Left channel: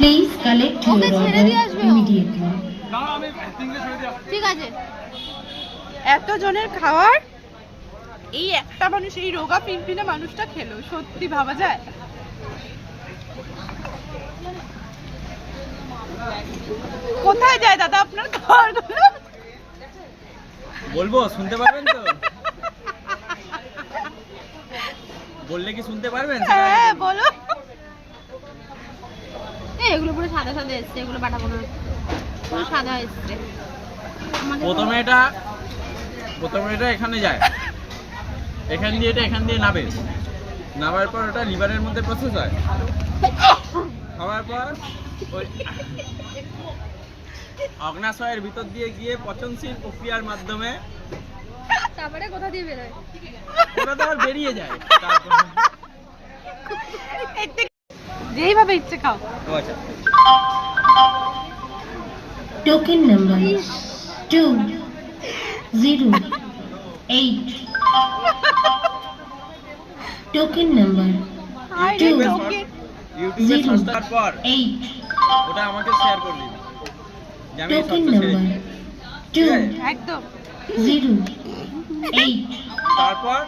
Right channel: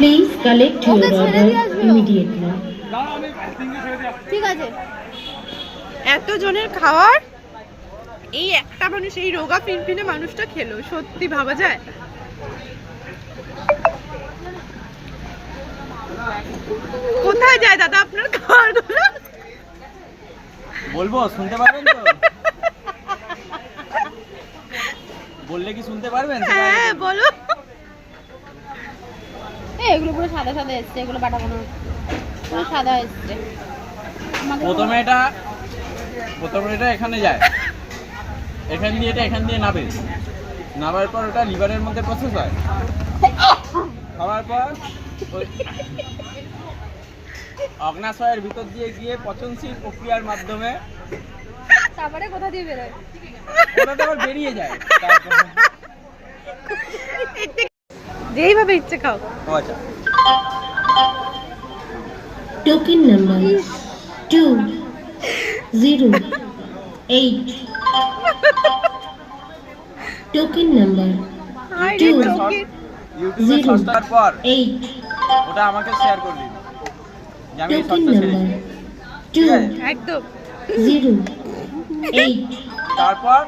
Please collect your order immediately. ঠিক আছে, এত জনের খাওয়ার এই একটা মানুষ, এই রোগা পিনপিনে মানুষটা খেলো, সত্যি ভাবা যায়? কোথায় যায় দাদা আপনার খাওয়ার? বলবো, শুনতে পারবেন তো? বললে কি শুনতে পারবেন? হ্যাঁ বলো। এগুলো পুরো সাদা সাদা এসছে, এগুলো বাটাবো না, পুরো সাদা এসছে। প্রথমে এটা এখানে যায়, এখান দিয়ে এটা এখান দিয়ে নাবে, নামার পর ওটা লিভারের মধ্যে প্রসেস হয়, খাওয়ার পর ওই অগ্নাশয়ের ভিতর দিয়ে গিয়ে পচনশীল প্রক্রিয়ার মাধ্যমে তারপরে কোথা দিয়ে বেরোয়? ওটা তো আবার বেরিয়ে যায়। তারপর যেইভাবে ইচ্ছে খাও। ও আচ্ছা, Token number 208. Token number ইউটিউবে সার্চ করার পর 8. ওটা আমাকে শেয়ার করবি যে আমি Token সত্য ছেড়ে number ঠিক আছে? 208। একদম 08. তারপর